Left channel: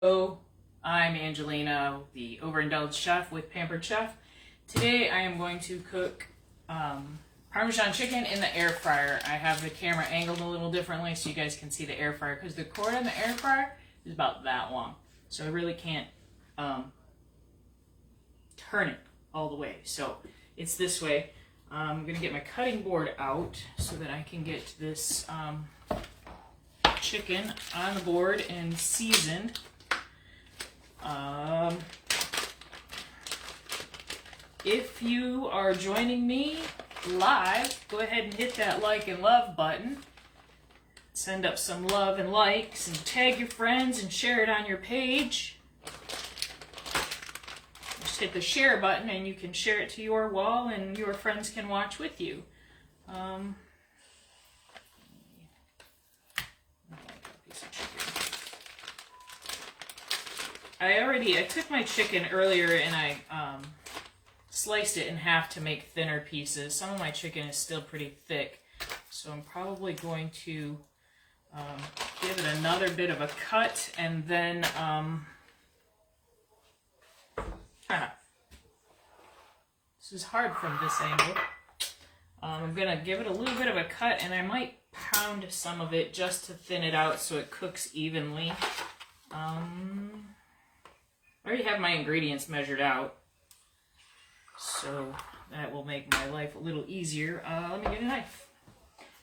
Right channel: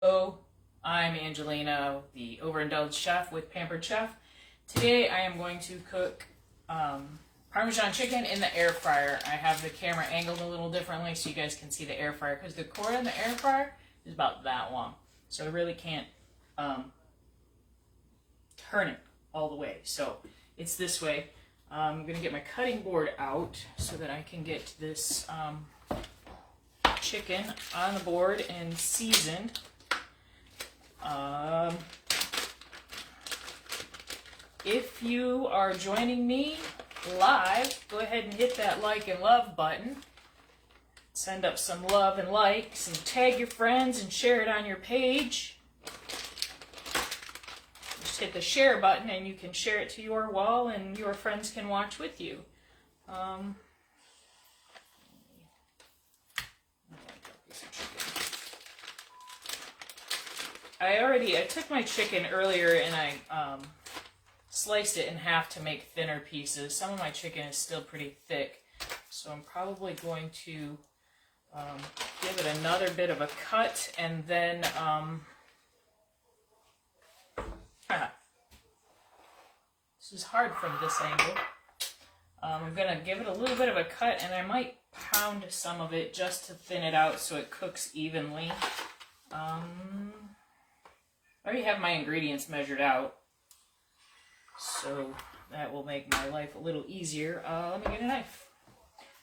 Hello, I'm Angelina, the overindulged chef with Pampered Chef. Today I am going to cook Parmesan chicken in the air fryer. I have the camera angled a little differently so you guys can see the air fryer because the cord on the air fryer is about that long. So I really can't turn it all the way. So it's this way. I'm going to get my cutting board out so that I can get this chicken on the board and seasoned. If you are joining me live, go ahead and hit that like and love button. Send up some love and likes and tag your friends and share it on your page. Just hit the share button and you can share it to your wall and your friends can watch with you. I took my chicken earlier and I sliced it in half to make thinner pieces. Some of my chicken is still pretty thick, so I'm probably going to give it another bit of a cut and then this is hard from this angle. I'm going to give it a little bit of a cut and I might pound some of it just to thin it out so it cooks evenly. I already have my ingredients measured out, so that will make my life a little easier. Let me get a knife.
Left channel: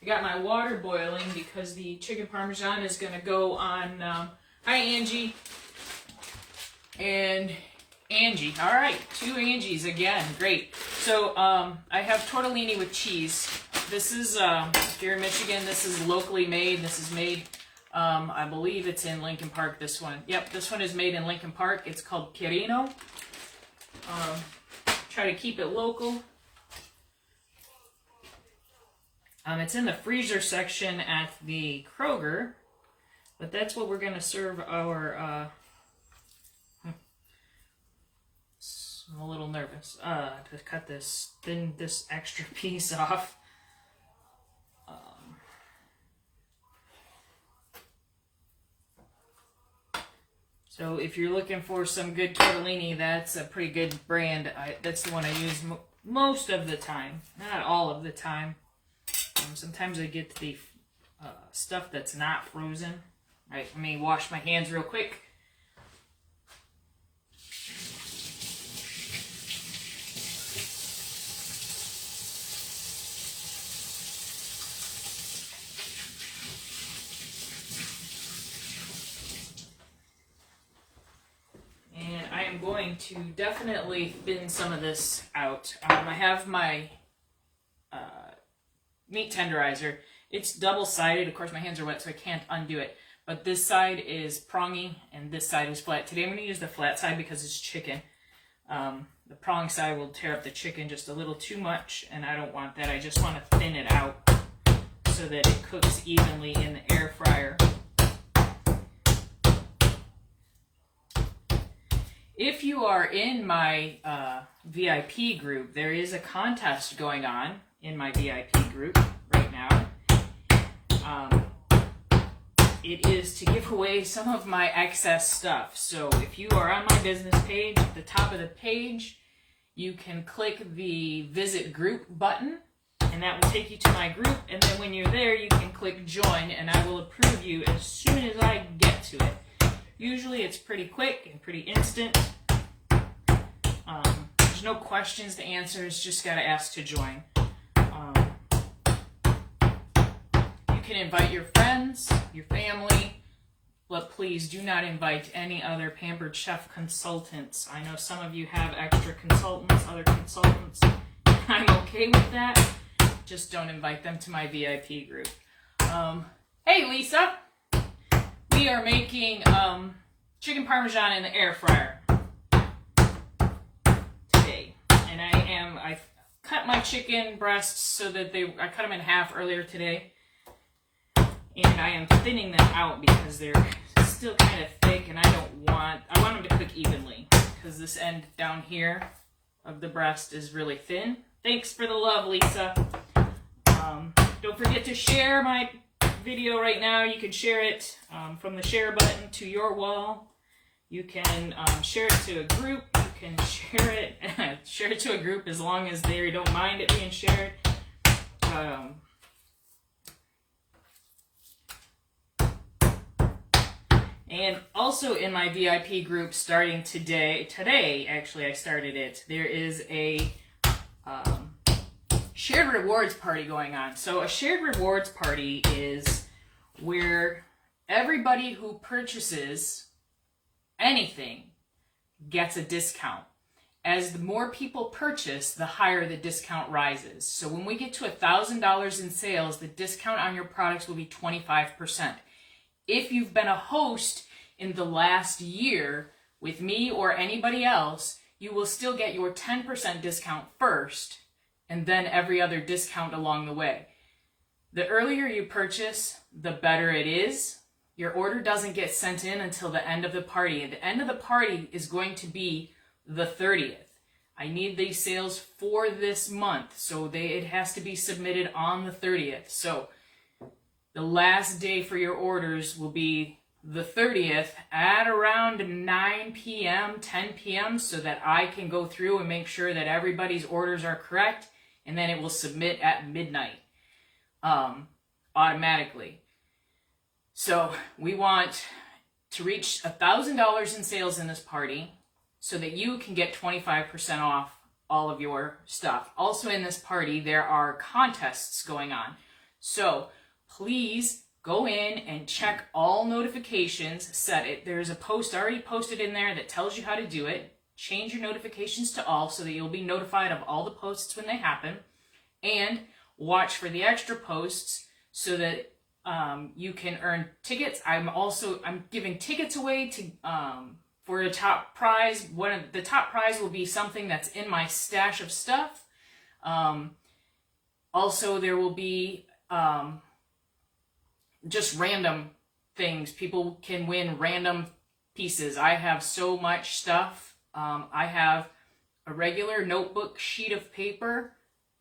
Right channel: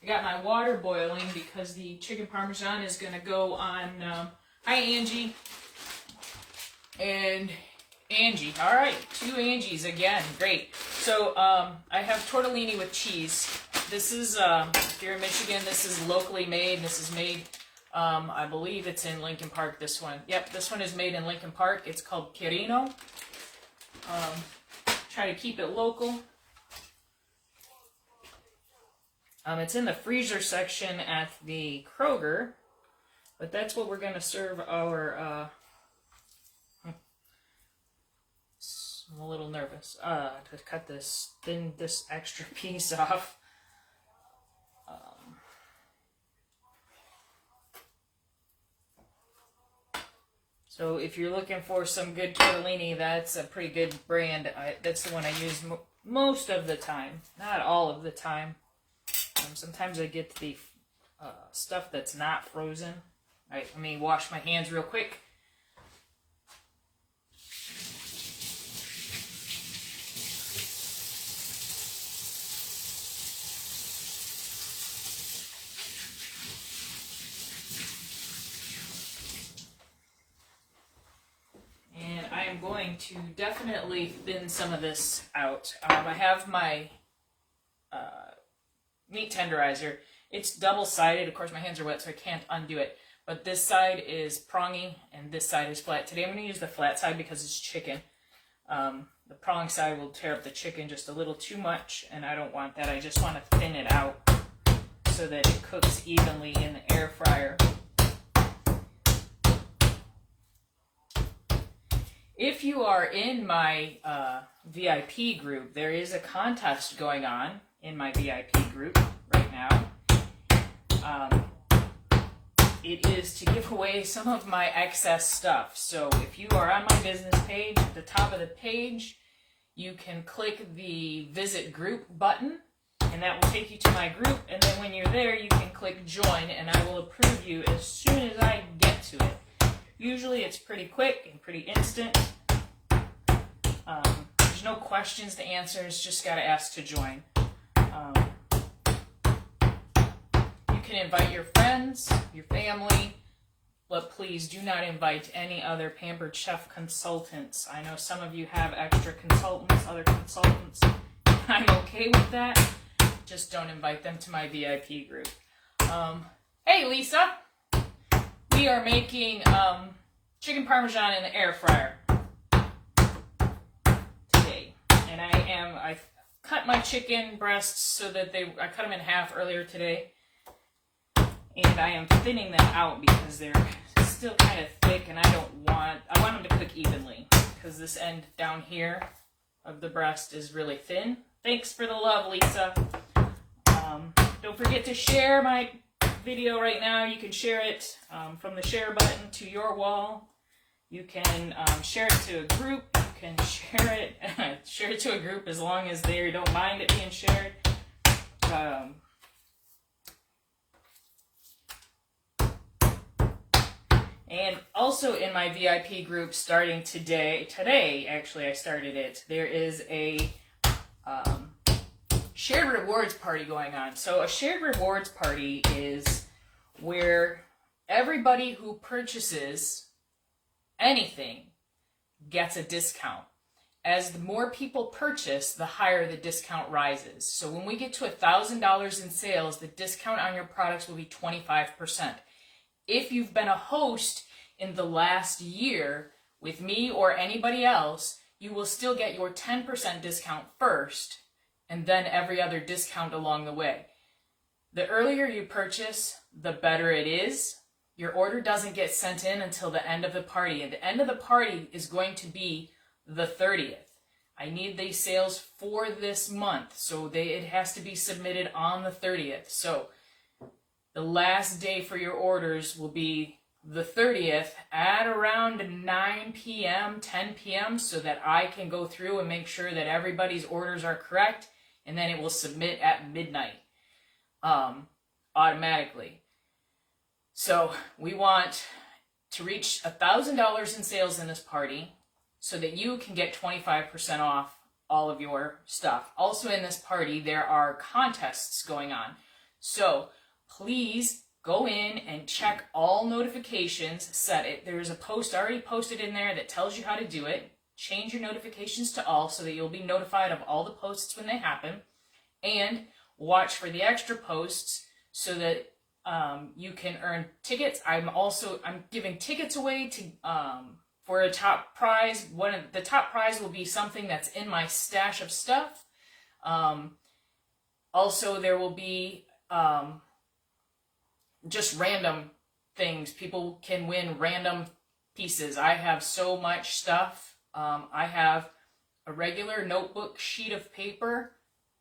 I got my water boiling because the chicken Parmesan is going to go on. Hi, Angie. And Angie. All right, two Angies again. Great. So I have tortellini with cheese. This is, if you're in Michigan, this is locally made. This is made, I believe it's in Lincoln Park, this one. Yep, this one is made in Lincoln Park. It's called Quirino. Try to keep it local. It's in the freezer section at the Kroger, but that's what we're going to serve our, I'm a little nervous to cut this extra piece off. So if you're looking for some good tortellini, that's a pretty good brand. That's the one I use most of the time, not all of the time. Sometimes I get the stuff that's not frozen. All right, let me wash my hands real quick. I'm going to definitely thin some of this out. I have my meat tenderizer. It's double-sided. Of course, my hands are wet, so I can't undo it. But this side is prongy, and this side is flat. Today I'm going to use the flat side because it's chicken. The prong side will tear up the chicken just a little too much, and I don't want that. I just want to thin it out so that it cooks evenly in the air fryer. If you are in my VIP group, there is a contest going on in my VIP group right now. It is to give away some of my excess stuff. So if you are on my business page, at the top of the page, you can click the visit group button, and that will take you to my group. And then when you're there, you can click join, and I will approve you as soon as I get to it. Usually it's pretty quick and pretty instant. There's no questions to answer. It's just got to ask to join. You can invite your friends, your family, but please do not invite any other Pampered Chef consultants. I know some of you have extra consultants, other consultants. I'm okay with that. Just don't invite them to my VIP group. Hey, Lisa. We are making chicken Parmesan in the air fryer today, and I cut my chicken breasts so that I cut them in half earlier today, and I am thinning them out because they're still kind of thick, and I want them to cook evenly because this end down here of the breast is really thin. Thanks for the love, Lisa. Don't forget to share my video right now. You can share it from the share button to your wall. You can share it to a group. You can share it to a group as long as they don't mind it being shared. And also in my VIP group starting today actually I started it, there is a shared rewards party going on. So a shared rewards party is where everybody who purchases anything gets a discount. As the more people purchase, the higher the discount rises. So when we get to $1,000 in sales, the discount on your products will be 25%. If you've been a host in the last year with me or anybody else, you will still get your 10% discount first, and then every other discount along the way. The earlier you purchase, the better it is. Your order doesn't get sent in until the end of the party, and the end of the party is going to be the 30th. I need these sales for this month, so it has to be submitted on the 30th. So the last day for your orders will be the 30th at around 9 p.m., 10 p.m., so that I can go through and make sure that everybody's orders are correct, and then it will submit at midnight automatically. So we want to reach $1,000 in sales in this party so that you can get 25% off all of your stuff. Also in this party, there are contests going on. So please go in and check all notifications, set it. There's a post already posted in there that tells you how to do it. Change your notifications to all so that you'll be notified of all the posts when they happen. And watch for the extra posts so that you can earn tickets. I'm giving tickets away to for a top prize. The top prize will be something that's in my stash of stuff. Also, there will be just random things. People can win random pieces. I have so much stuff. I have a regular notebook sheet of paper,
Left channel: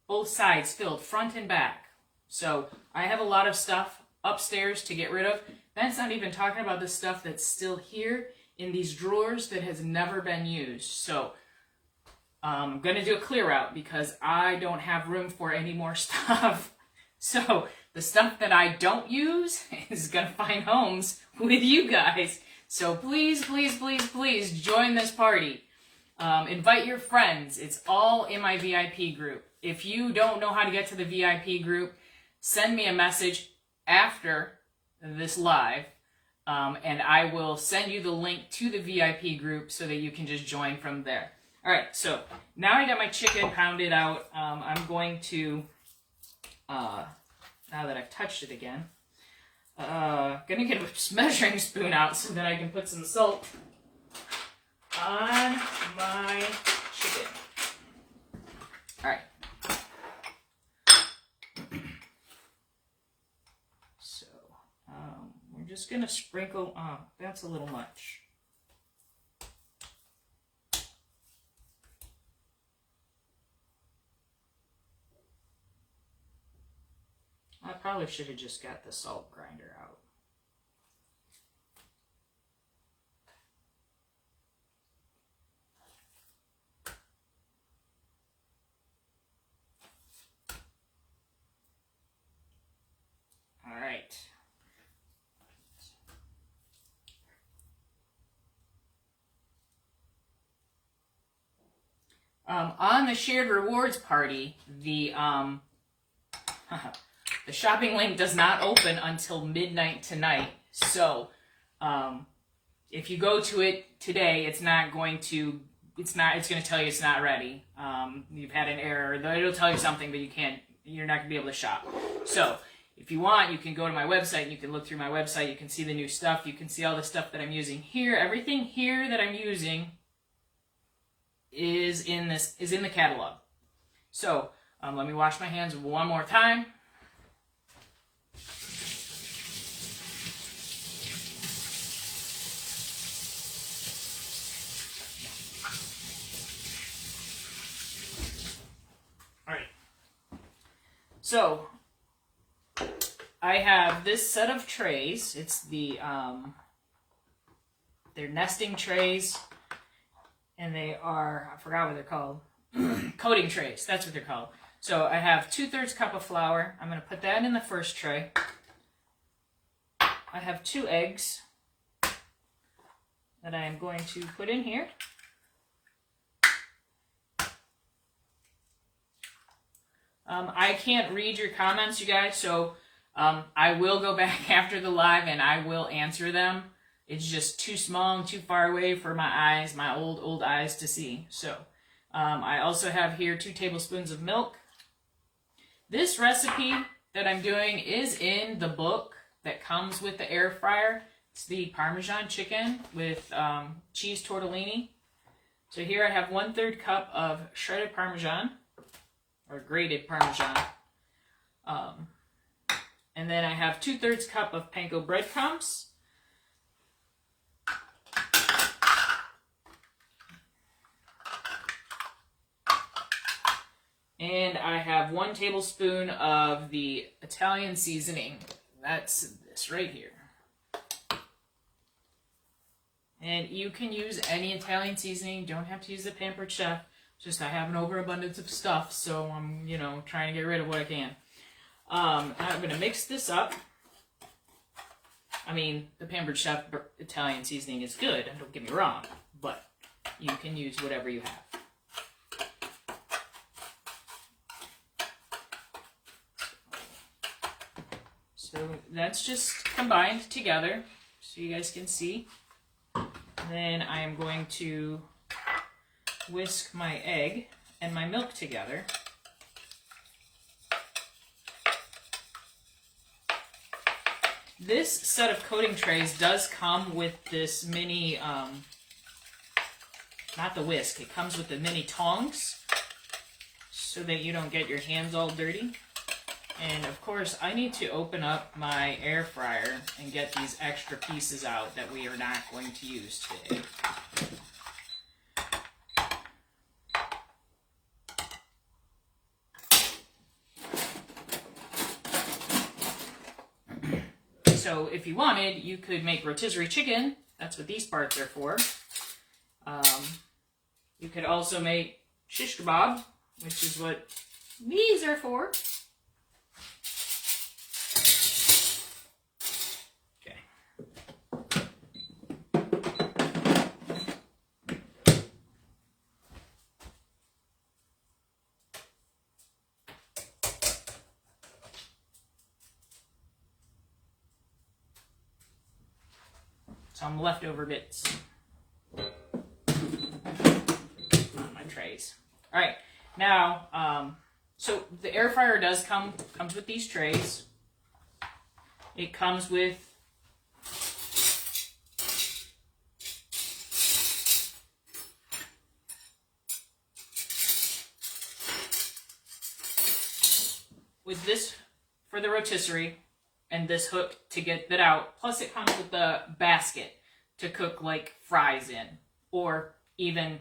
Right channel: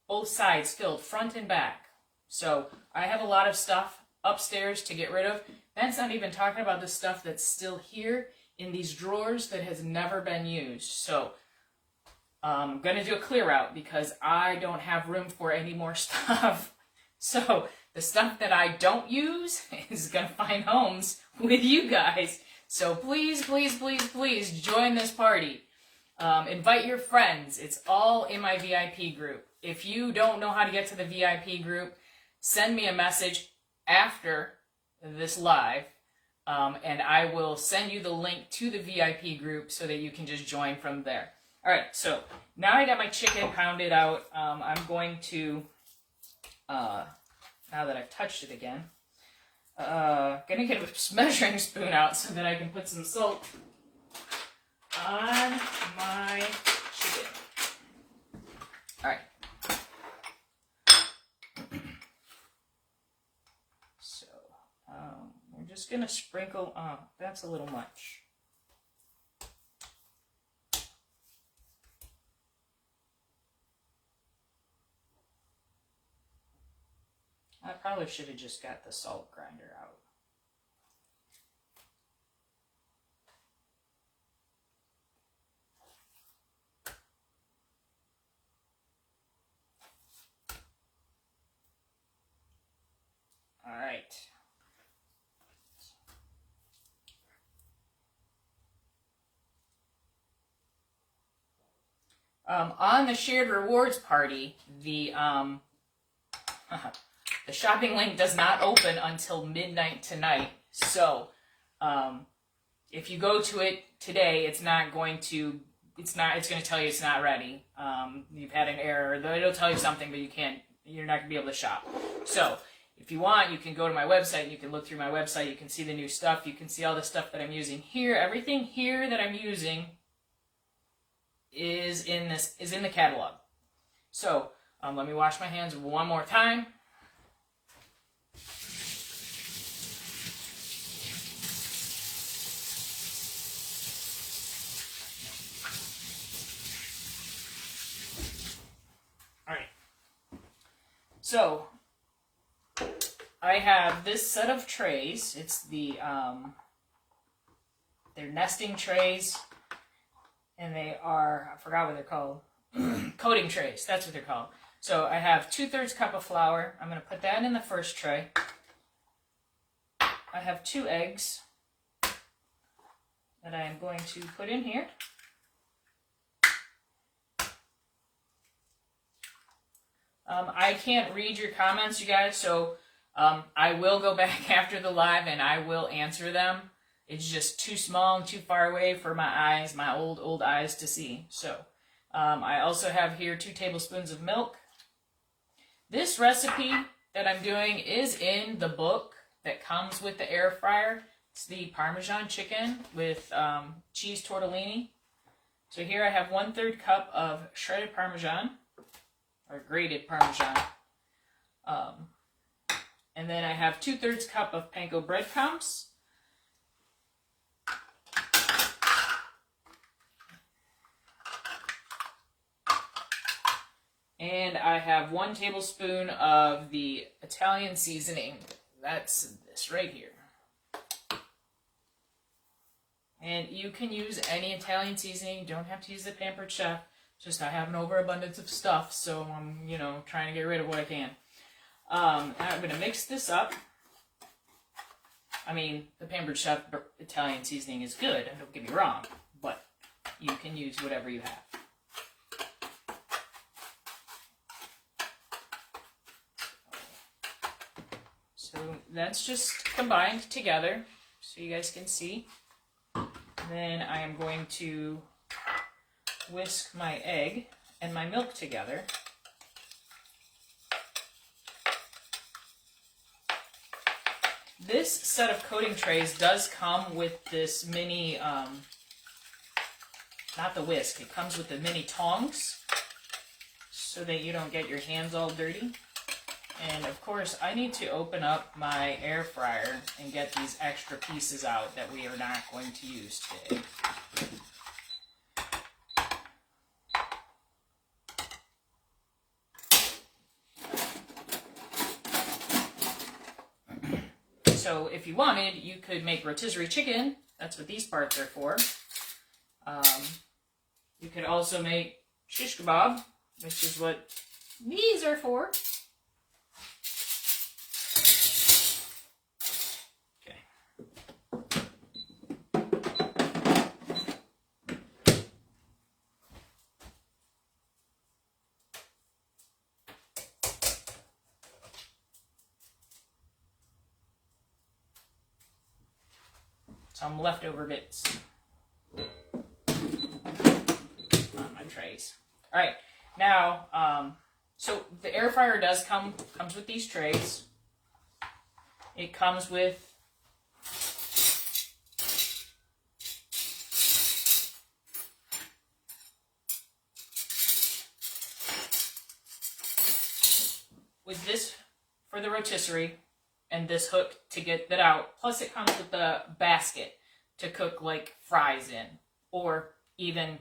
both sides filled, front and back. So I have a lot of stuff upstairs to get rid of. That's not even talking about the stuff that's still here in these drawers that has never been used. So I'm going to do a clear out because I don't have room for any more stuff. So the stuff that I don't use is going to find homes with you guys. So please, please, please, please join this party. Invite your friends. It's all in my VIP group. If you don't know how to get to the VIP group, send me a message after this live, and I will send you the link to the VIP group so that you can just join from there. All right, so now I got my chicken pounded out. I'm going to, now that I've touched it again, gonna get a measuring spoon out so that I can put some salt on my chicken. All right. So we're just gonna sprinkle. Oh, that's a little much. I probably should have just got the salt grinder out. All right. On the shared rewards party, the the shopping link does not open until midnight tonight. So, if you go to it today, it's going to tell you it's not ready. You've had an error. It'll tell you something, but you're not going to be able to shop. So, if you want, you can go to my website and you can look through my website. You can see the new stuff. You can see all the stuff that I'm using here. Everything here that I'm using is in the catalog. So, let me wash my hands one more time. All right. So, I have this set of trays. It's the They're nesting trays, and they are, I forgot what they're called, coating trays. That's what they're called. So I have 2/3 cup of flour. I'm going to put that in the first tray. I have 2 eggs that I am going to put in here. I can't read your comments, you guys, so I will go back after the live and I will answer them. It's just too small and too far away for my eyes, my old eyes to see. So I also have here 2 tablespoons of milk. This recipe that I'm doing is in the book that comes with the air fryer. It's the Parmesan chicken with cheese tortellini. So here I have 1/3 cup of shredded Parmesan, or grated Parmesan. And then I have 2/3 cup of panko breadcrumbs. And I have 1 tablespoon of the Italian seasoning. That's this right here. And you can use any Italian seasoning. You don't have to use the Pampered Chef. Just I have an overabundance of stuff, so I'm, trying to get rid of what I can. I'm going to mix this up. I mean, the Pampered Chef Italian seasoning is good, don't get me wrong, but you can use whatever you have. So that's just combined together, so you guys can see. Then I am going to whisk my egg and my milk together. This set of coating trays does come with this mini, not the whisk, it comes with the mini tongs so that you don't get your hands all dirty. And of course, I need to open up my air fryer and get these extra pieces out that we are not going to use today. So if you wanted, you could make rotisserie chicken. That's what these parts are for. You could also make shish kebab, which is what these are for. Some leftover bits on my trays. All right, now, so the air fryer comes with these trays. It comes with this for the rotisserie. And this hook to get that out. Plus it comes with a basket to cook like fries in. Or even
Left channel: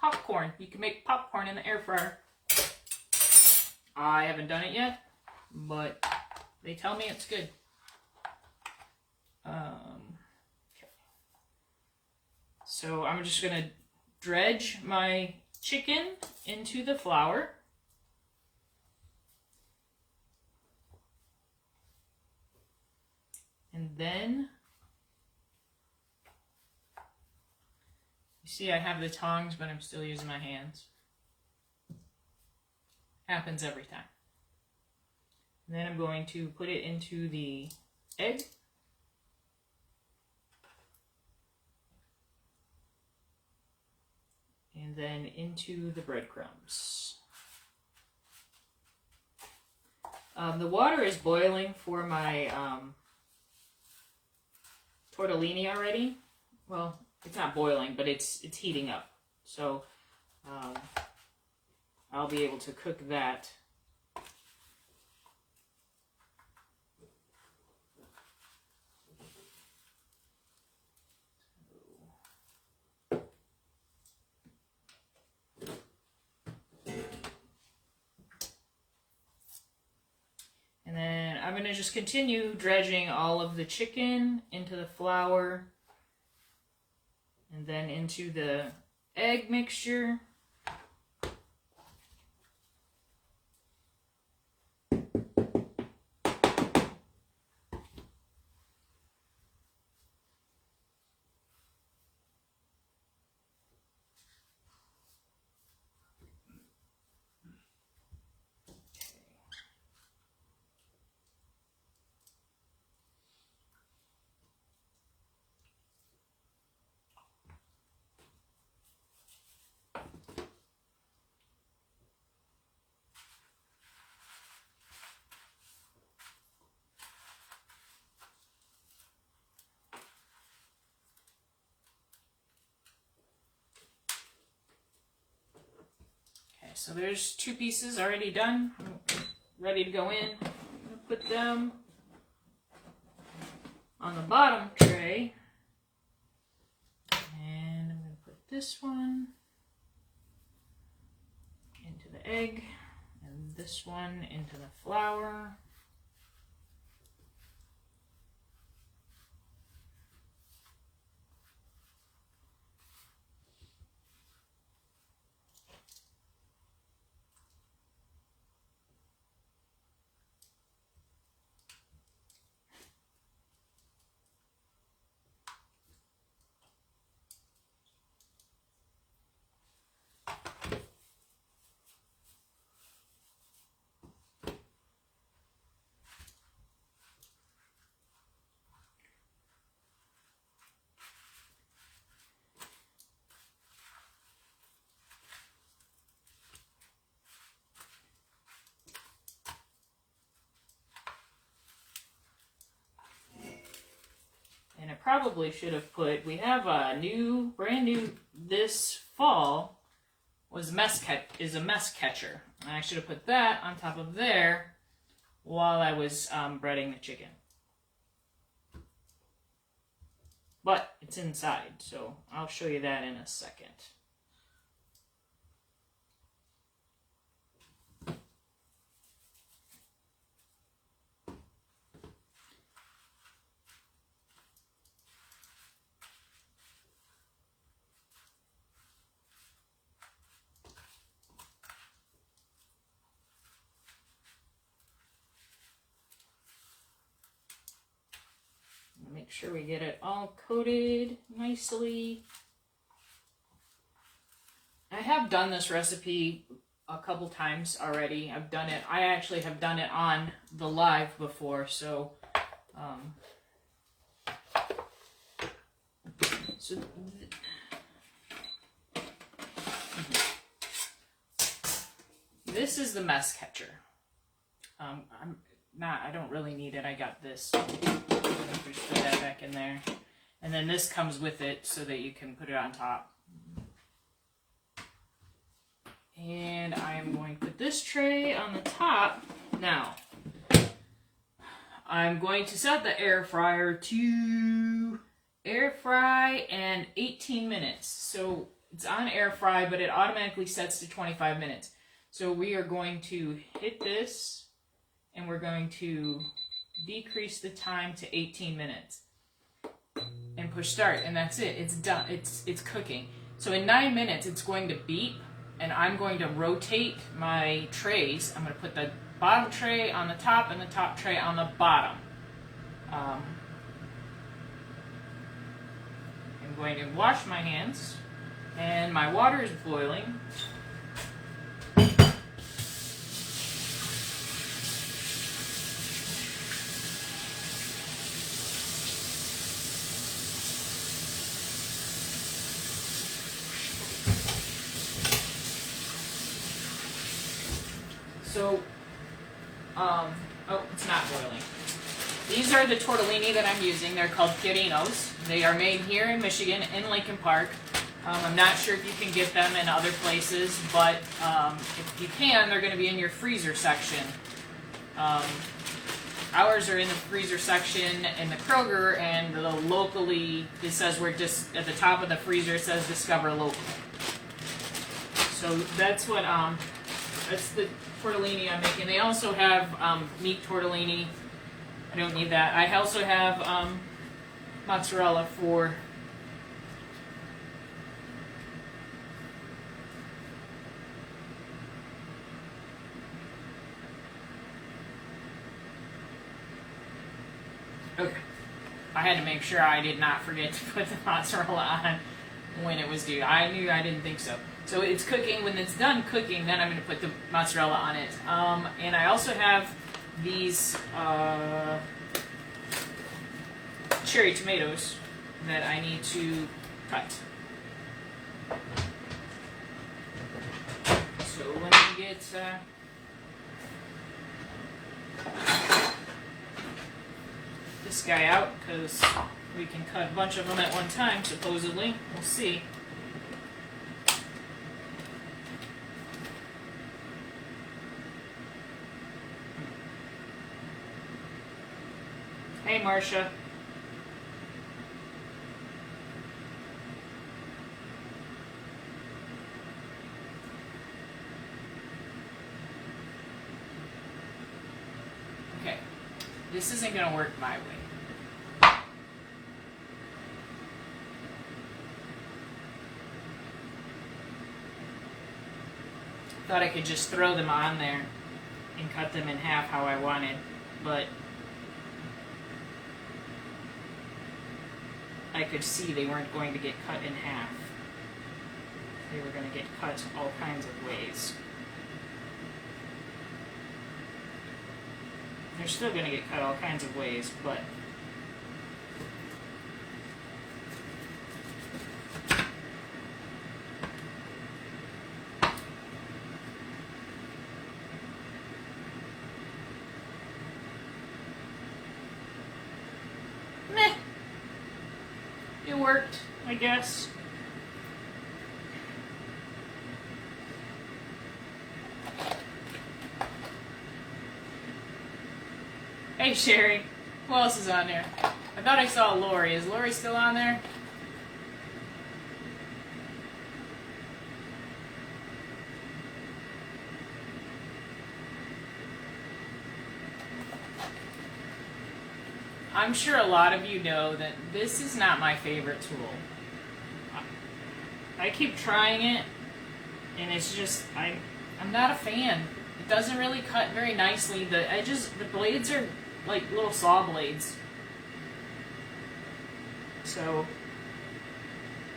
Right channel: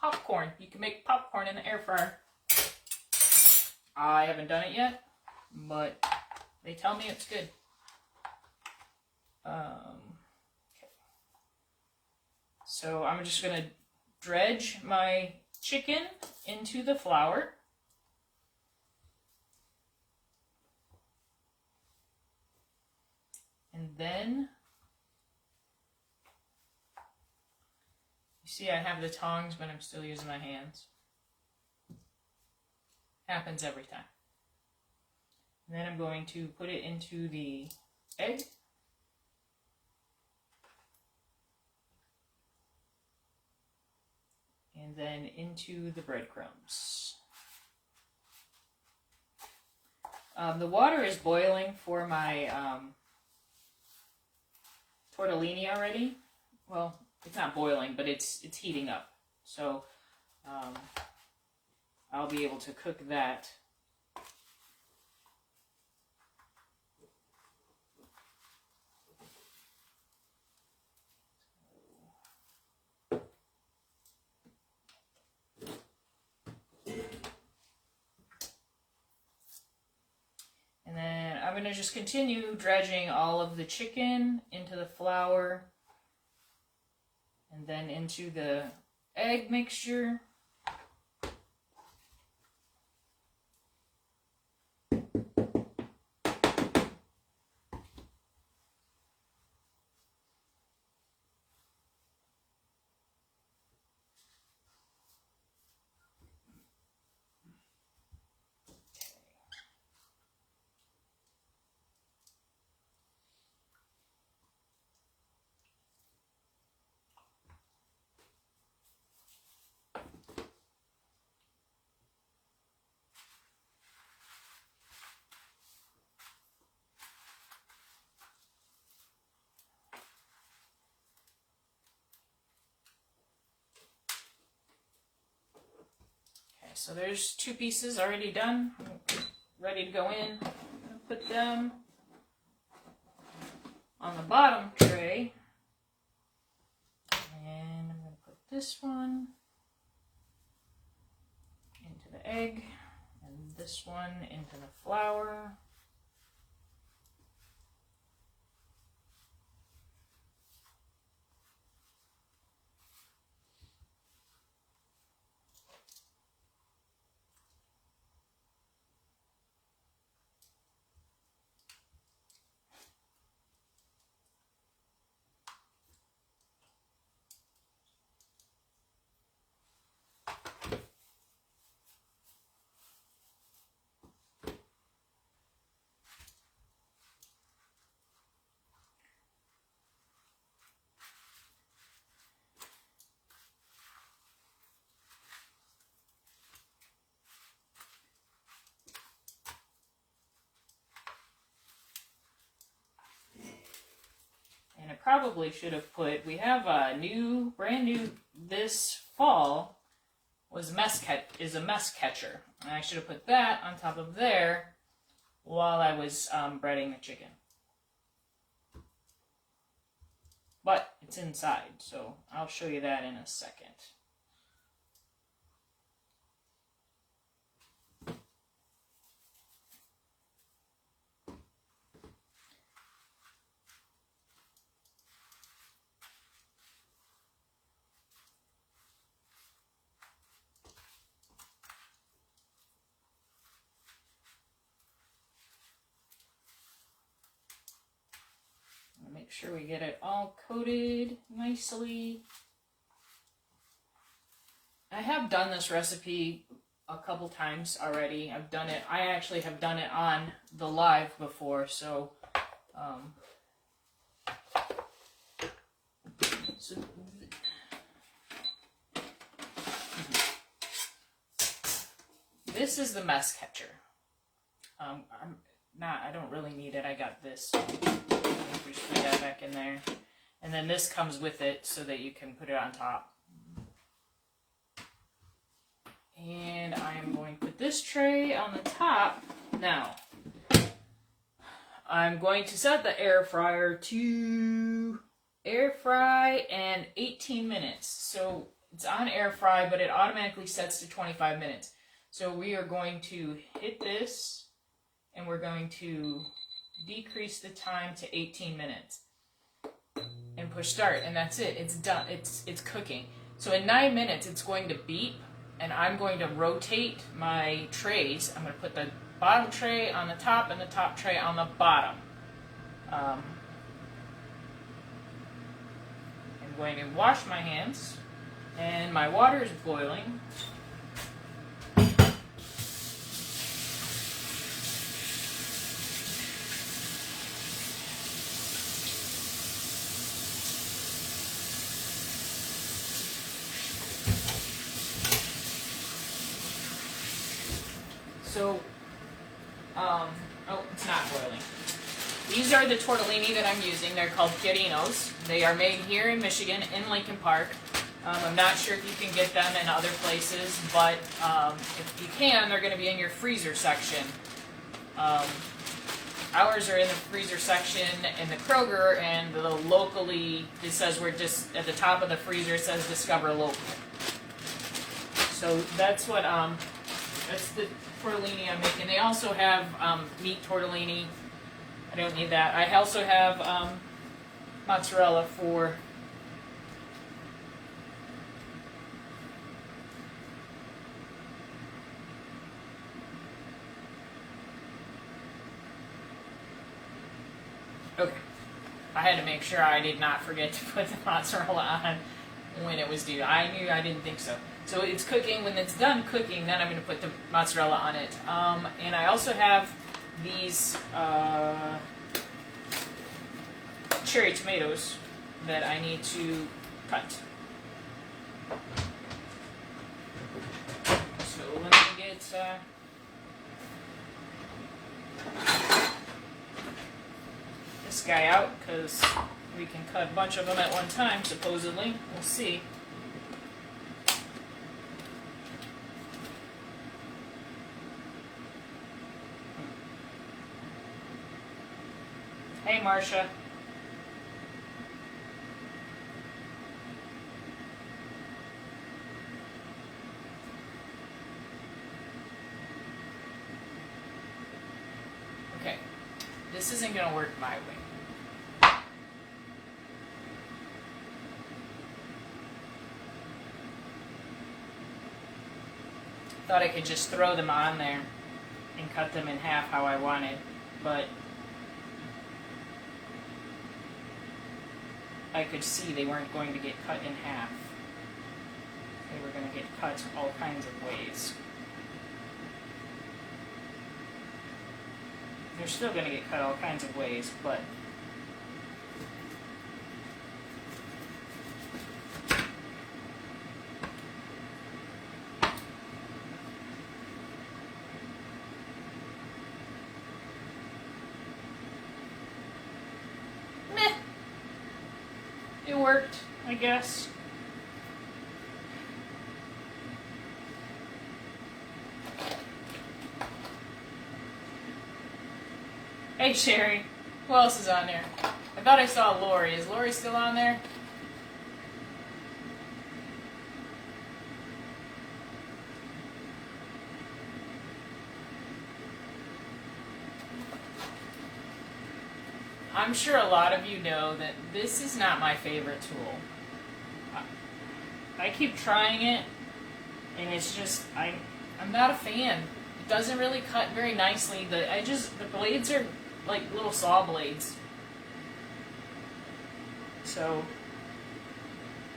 popcorn. You can make popcorn in the air fryer. I haven't done it yet, but they tell me it's good. Okay. So I'm just going to dredge my chicken into the flour. And then, you see I have the tongs, but I'm still using my hands. Happens every time. And then I'm going to put it into the egg. And then into the breadcrumbs. The water is boiling for my tortellini already. Well, it's not boiling, but it's heating up. So I'll be able to cook that. And then I'm going to just continue dredging all of the chicken into the flour And then into the egg mixture. So there's 2 pieces already done, ready to go in. I'm going to put them on the bottom tray. And I'm going to put this one into the egg and this one into the flour. And I probably should have put, we have a new, brand new, this fall, is a mess catcher. And I should have put that on top of there while I was breading the chicken. But it's inside, so I'll show you that in a second. Make sure we get it all coated nicely. I have done this recipe a couple times already. I actually have done it on the live before, so this is the mess catcher. I don't really need it. I got this. Just put that back in there. And then this comes with it so that you can put it on top. And I am going to put this tray on the top. Now, I'm going to set the air fryer to air fry and 18 minutes. So it's on air fry, but it automatically sets to 25 minutes. So we are going to hit this and we're going to decrease the time to 18 minutes and push start, and that's it. It's done. It's cooking. So in 9 minutes it's going to beep, and I'm going to rotate my trays. I'm going to put the bottom tray on the top and the top tray on the bottom. I'm going to wash my hands, and my water is boiling. So, oh, it's not boiling. These are the tortellini that I'm using. They're called Fiorinos. They are made here in Michigan, in Lincoln Park. I'm not sure if you can get them in other places, but if you can, they're going to be in your freezer section. Ours are in the freezer section in the Kroger, and the locally, it says we're just at the top of the freezer, it says Discover Local. So that's what, that's the tortellini I'm making. They also have meat tortellini. I don't need that. I also have mozzarella for Okay. I had to make sure I did not forget to put the mozzarella on when it was due. I knew I didn't think so. So it's cooking. When it's done cooking, then I'm going to put the mozzarella on it. And I also have these cherry tomatoes that I need to cut. So let me get this guy out, because we can cut a bunch of them at one time, supposedly. We'll see. Hey, Marcia. Okay, this isn't going to work my way. Thought I could just throw them on there and cut them in half how I wanted, but I could see they weren't going to get cut in half. They were going to get cut all kinds of ways. They're still going to get cut all kinds of ways, but it worked, I guess. Hey, Sherry. Who else is on there? I thought I saw Lori. Is Lori still on there? I'm sure a lot of you know that this is not my favorite tool. I keep trying it, and it's just, I'm not a fan. It doesn't really cut very nicely. The edges, the blades are like little saw blades. So,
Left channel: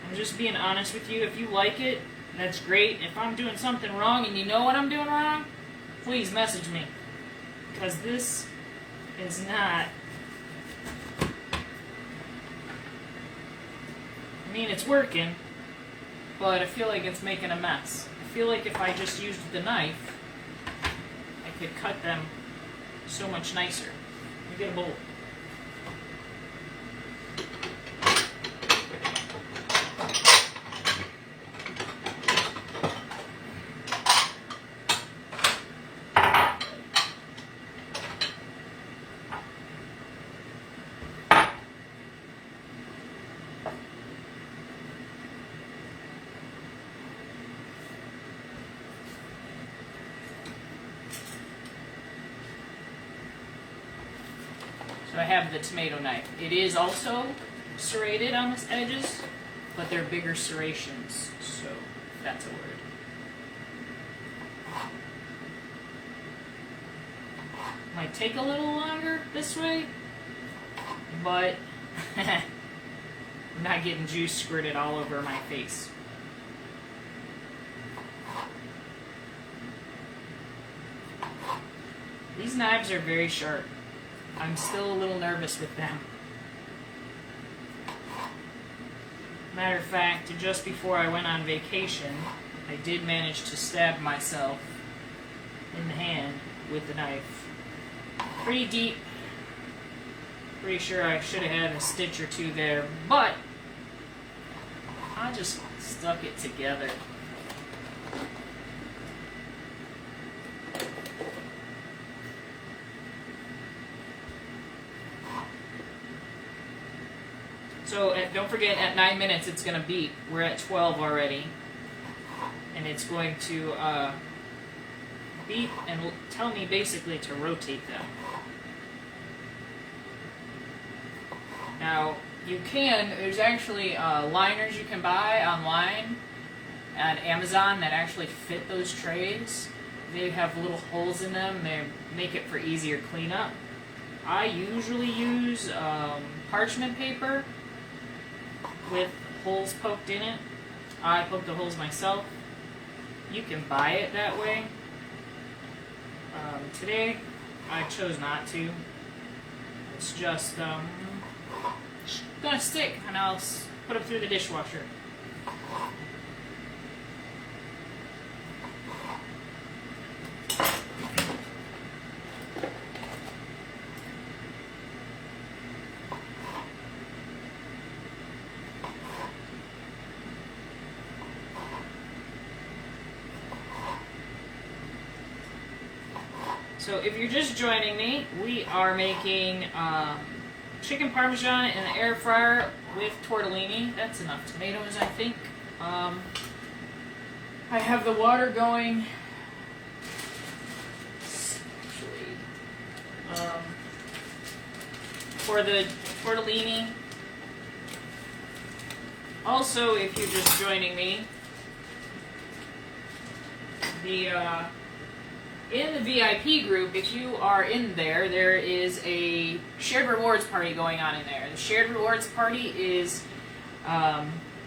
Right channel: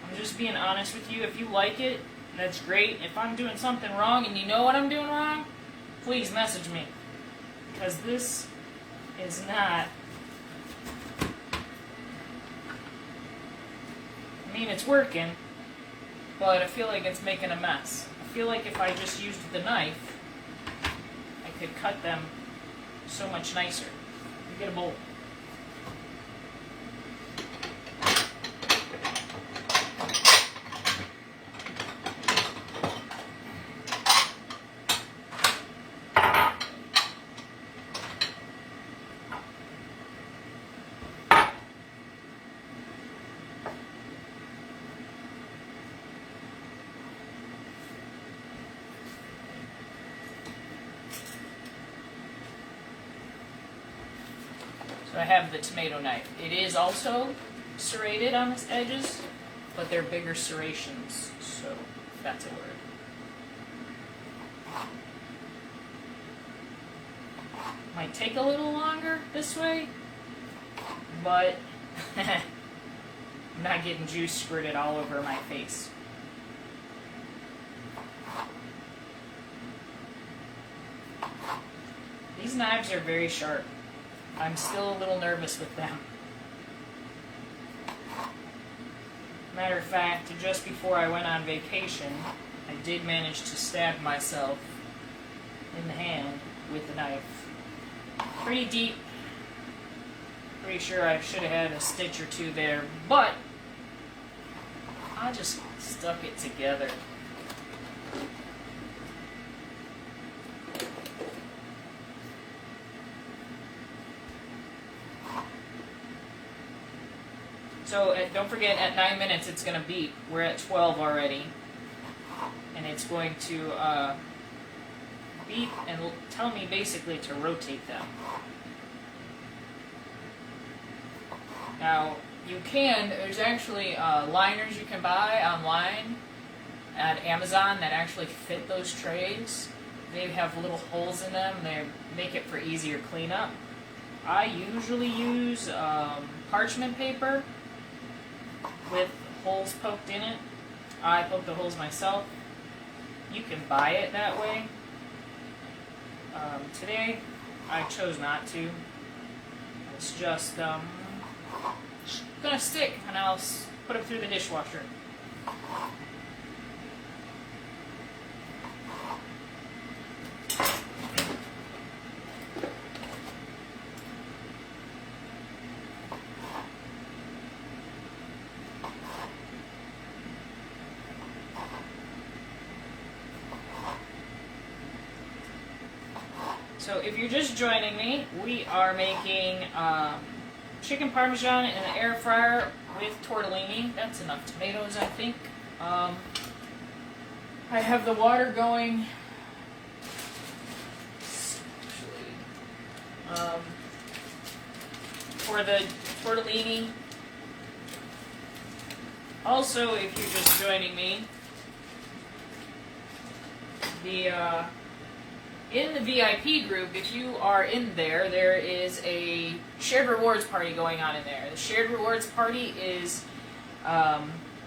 I'm just being honest with you. If you like it, that's great. If I'm doing something wrong and you know what I'm doing wrong, please message me. Because this is not... I mean, it's working, but I feel like it's making a mess. I feel like if I just used the knife, I could cut them so much nicer. Let me get a bowl. So I have the tomato knife. It is also serrated on the edges, but they're bigger serrations, so that's a word. Might take a little longer this way, but I'm not getting juice squirted all over my face. These knives are very sharp. I'm still a little nervous with them. Matter of fact, just before I went on vacation, I did manage to stab myself in the hand with the knife. Pretty deep. Pretty sure I should have had a stitch or two there, but I just stuck it together. So don't forget, at 9 minutes it's going to beep. We're at 12 already. And it's going to beep and tell me basically to rotate them. Now, there's actually liners you can buy online at Amazon that actually fit those trays. They have little holes in them. They make it for easier cleanup. I usually use parchment paper with holes poked in it. I poke the holes myself. You can buy it that way. Today, I chose not to. It's just gonna stick, and I'll put them through the dishwasher. So if you're just joining me, we are making chicken Parmesan in the air fryer with tortellini. That's enough tomatoes, I think. I have the water going. For the tortellini. Also, if you're just joining me, in the VIP group, if you are in there, there is a shared rewards party going on in there. The shared rewards party is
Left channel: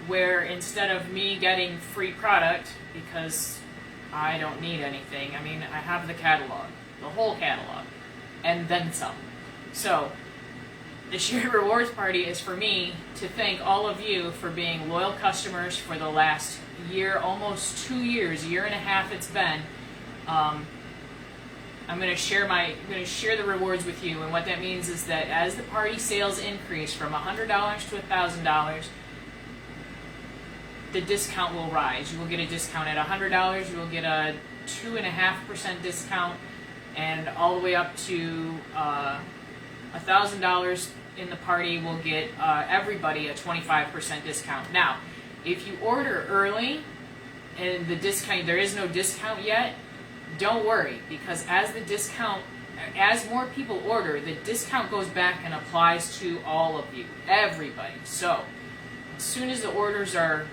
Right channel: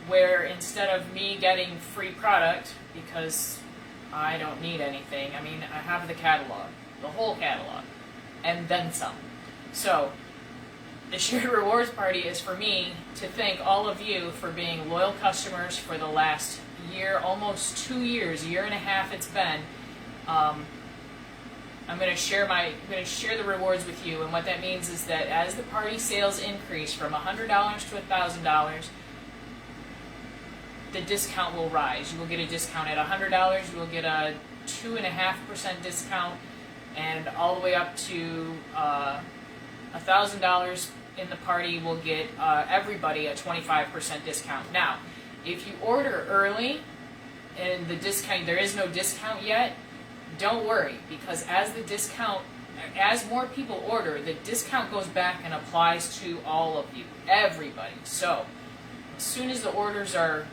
where instead of me getting free product, because I don't need anything, I mean, I have the catalog, the whole catalog, and then some. So, the shared rewards party is for me to thank all of you for being loyal customers for the last year, almost 2 years, a year and a half it's been. I'm going to share the rewards with you, and what that means is that as the party sales increase from $100 to $1,000, the discount will rise. You will get a discount at $100. You will get a 2.5% discount, and all the way up to $1,000 in the party will get everybody a 25% discount. Now, if you order early and there is no discount yet, don't worry, because as more people order, the discount goes back and applies to all of you, everybody. So, as soon as the orders are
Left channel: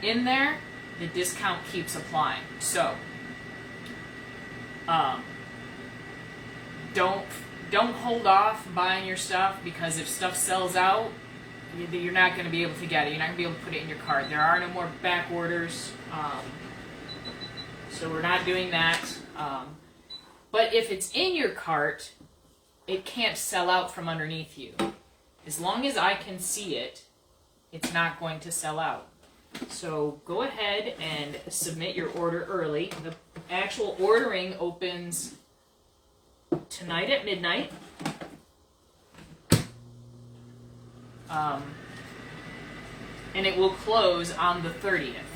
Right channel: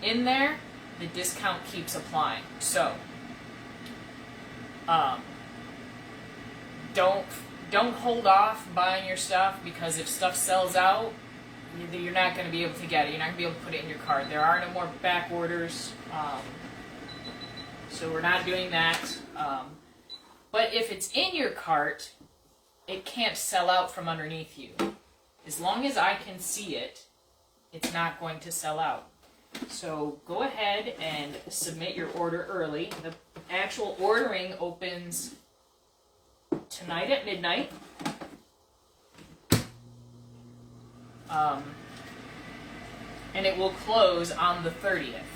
in there, the discount keeps applying. So, don't hold off buying your stuff, because if stuff sells out, you're not going to be able to get it. You're not going to be able to put it in your cart. There are no more back orders. So we're not doing that. But if it's in your cart, it can't sell out from underneath you. As long as I can see it, it's not going to sell out. So go ahead and submit your order early. The actual ordering opens tonight at midnight. And it will close on the 30th.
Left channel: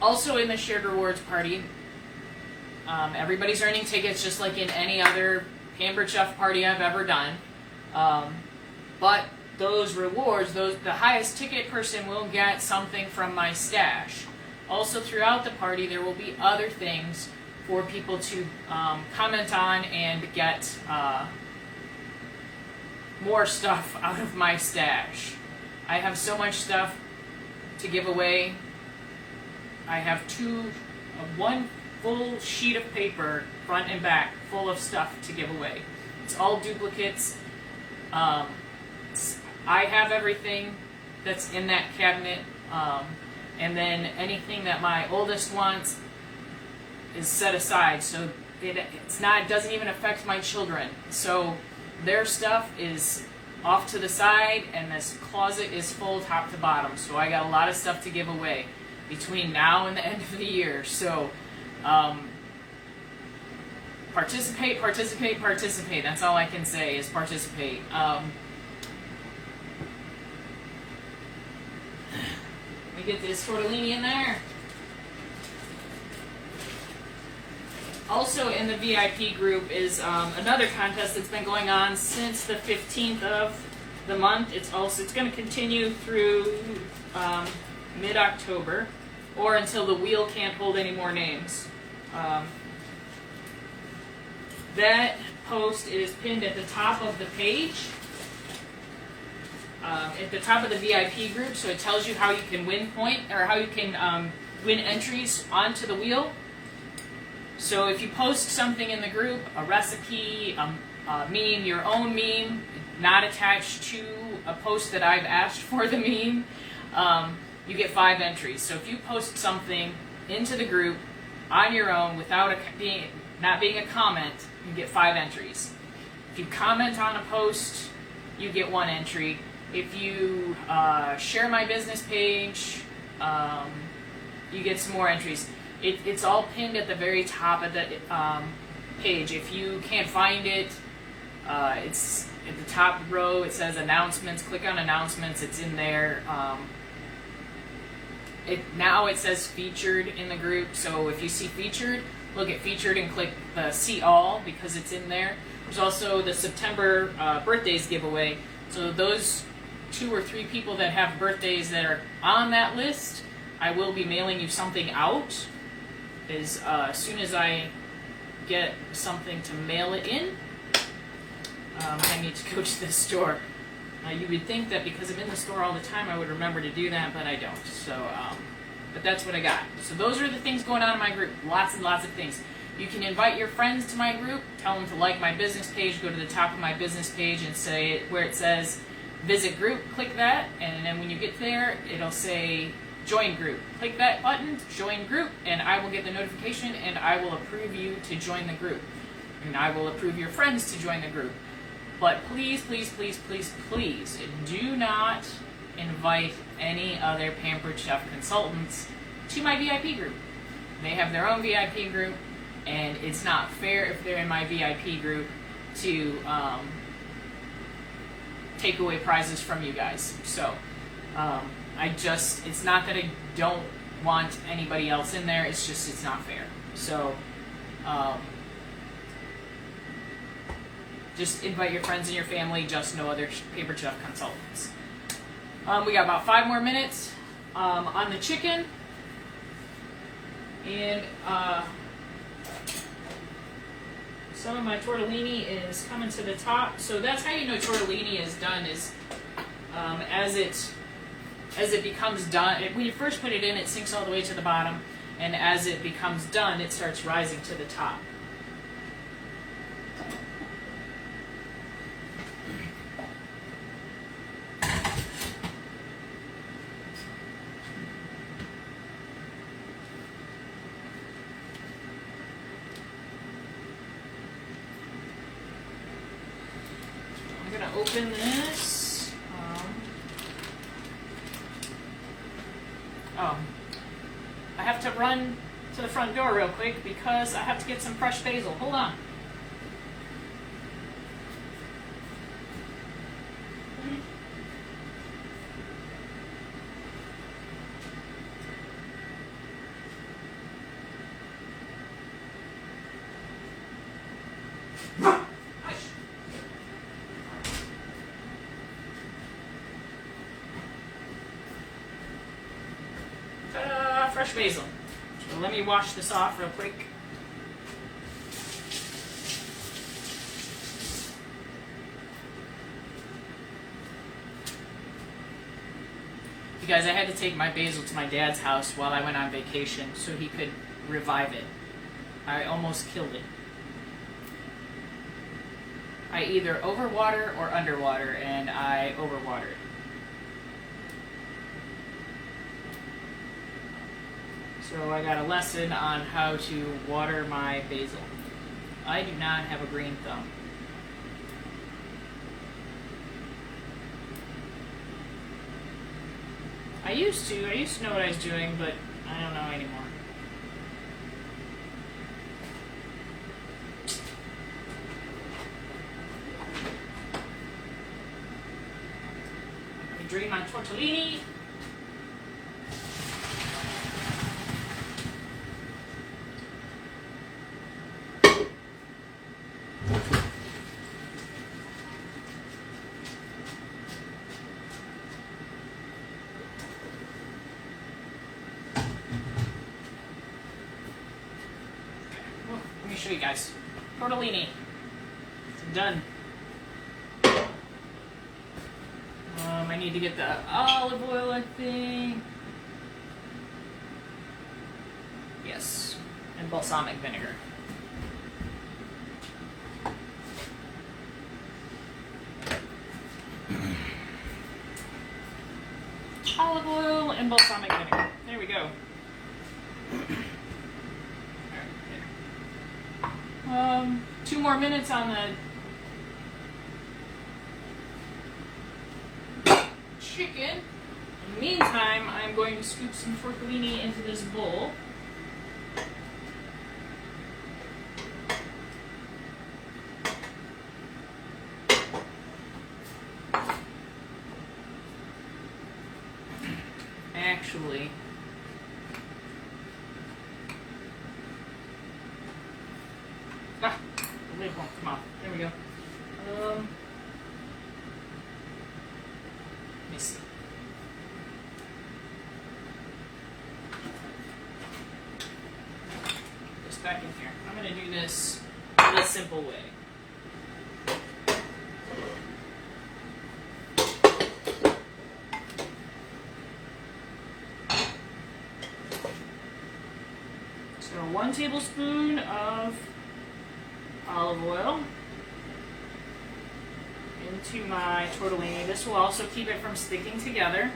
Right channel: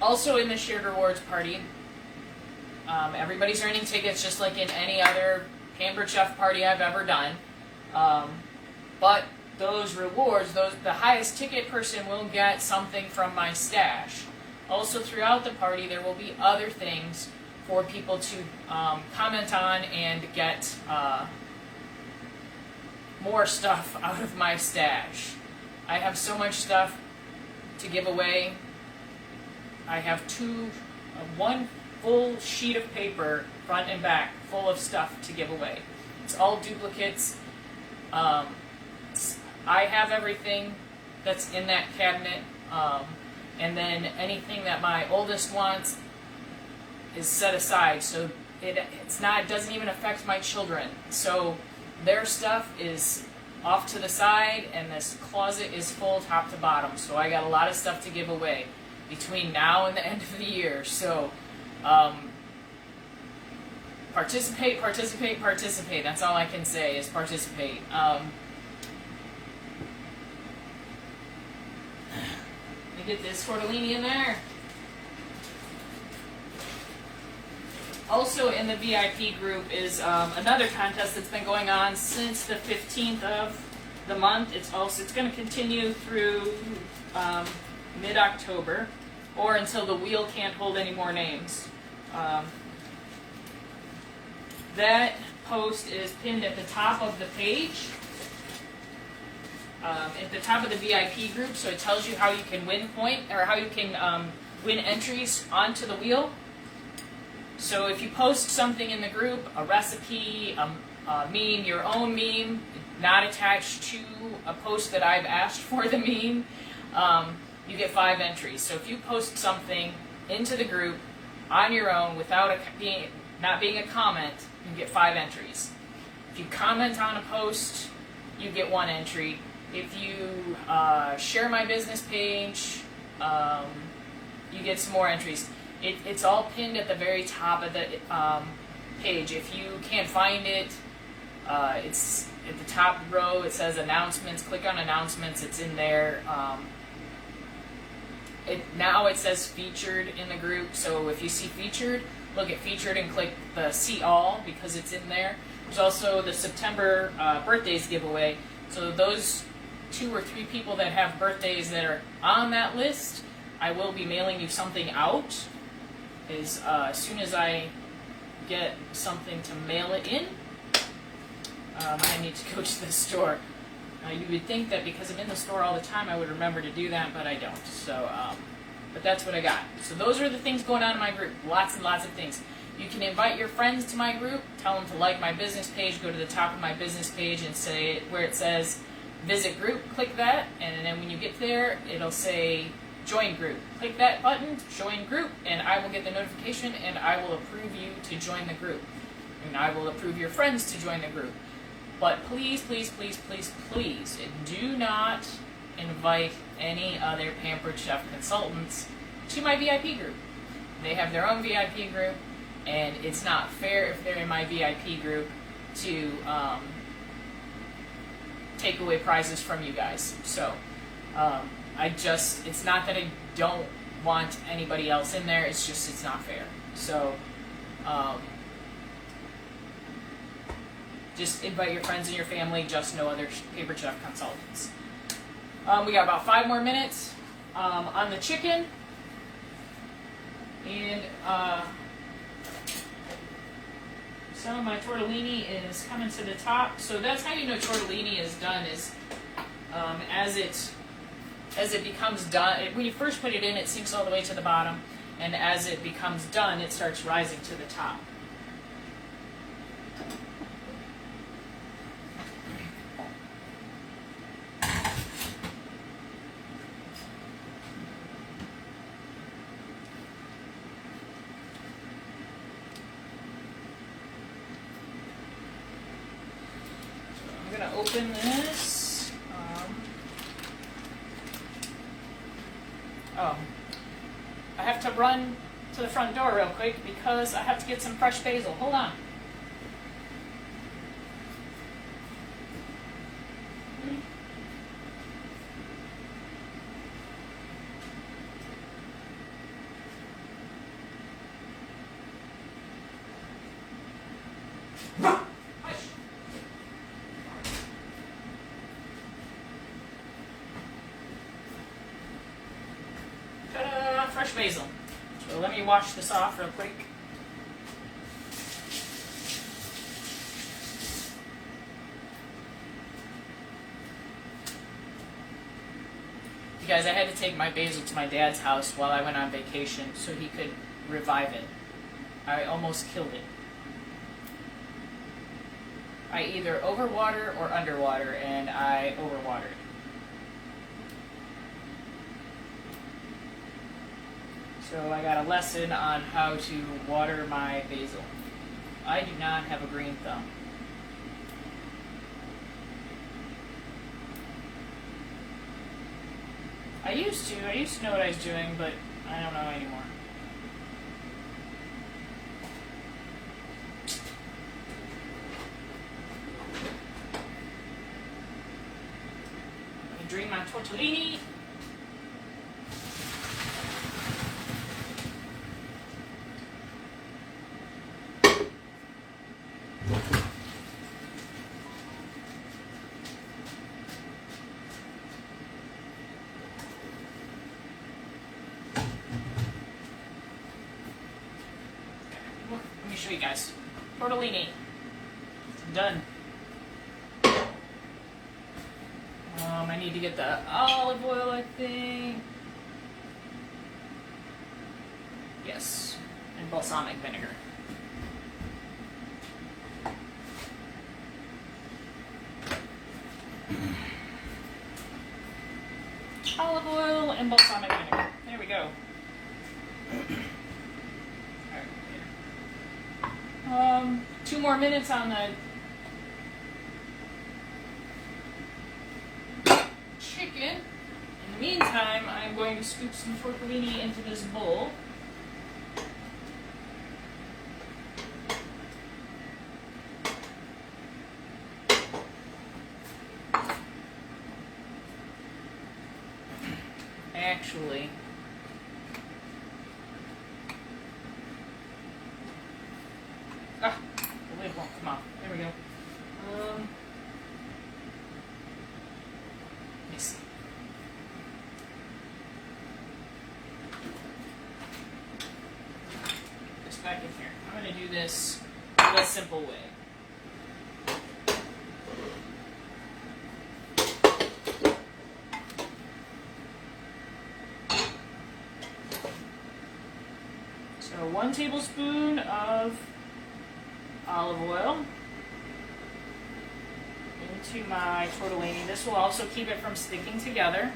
Also in the shared rewards party, everybody's earning tickets just like in any other Pampered Chef party I've ever done. But those rewards, the highest ticket person will get something from my stash. Also throughout the party there will be other things for people to comment on and get more stuff out of my stash. I have so much stuff to give away. I have one full sheet of paper, front and back, full of stuff to give away. It's all duplicates. I have everything that's in that cabinet, and then anything that my oldest wants is set aside, so it doesn't even affect my children. So their stuff is off to the side, and this closet is full top to bottom. So I got a lot of stuff to give away between now and the end of the year. So participate, participate, participate. That's all I can say is participate. Let me get this tortellini in there. Also in the VIP group is another contest that's been going on since the 15th of the month. It's going to continue through mid-October, or until the wheel can't hold any more names. That post is pinned at the top of the page, at the top of the VIP group, so it tells you how you can win win entries onto the wheel. So if you post something in the group, a recipe, a meme, your own meme, not attached to a post that I've asked for the meme, you get 5 entries. So if you post something into the group on your own without not being a comment, you get 5 entries. If you comment on a post, you get 1 entry. If you share my business page, you get some more entries. It's all pinned at the very top of the page. If you can't find it, it's at the top row. It says announcements. Click on announcements. It's in there. Now it says featured in the group. So if you see featured, look at featured and click the see all because it's in there. There's also the September birthdays giveaway. So those 2 or 3 people that have birthdays that are on that list, I will be mailing you something out. As soon as I get something to mail it in, I need to go to the store. You would think that because I'm in the store all the time, I would remember to do that, but I don't. So, but that's what I got. So those are the things going on in my group. Lots and lots of things. You can invite your friends to my group. Tell them to like my business page. Go to the top of my business page and say where it says visit group. Click that, and then when you get there, it'll say join group. Click that button, join group, and I will get the notification, and I will approve you to join the group. And I will approve your friends to join the group. But please, please, please, please, please, do not invite any other Pampered Chef consultants to my VIP group. They have their own VIP group, and it's not fair if they're in my VIP group to take away prizes from you guys. So, it's not that I don't want anybody else in there, it's just it's not fair. So, just invite your friends and your family, just no other Pampered Chef consultants. We got about 5 more minutes on the chicken. And some of my tortellini is coming to the top. So that's how you know tortellini is done, is as it becomes done. When you first put it in, it sinks all the way to the bottom. And as it becomes done, it starts rising to the top. I'm going to open this. I have to run to the front door real quick because I have to get some fresh basil. Hold on. Fresh basil. So let me wash this off real quick. You guys, I had to take my basil to my dad's house while I went on vacation so he could revive it. I almost killed it. I either overwater or underwater, and I overwatered. So I got a lesson on how to water my basil. I do not have a green thumb. I used to know what I was doing, but I don't know anymore. I drain my tortellini. Show you guys. Tortellini. Done. I need to get the olive oil, I think. Yes. And balsamic vinegar. Olive oil and balsamic vinegar. There we go. All right, 2 more minutes on the chicken. In the meantime, I'm going to scoop some tortellini into this bowl. Actually, the lid won't come off. There we go. Let me see. Put this back in here. I'm going to do this the simple way. So 1 tablespoon of olive oil into my tortellini. This will also keep it from sticking together.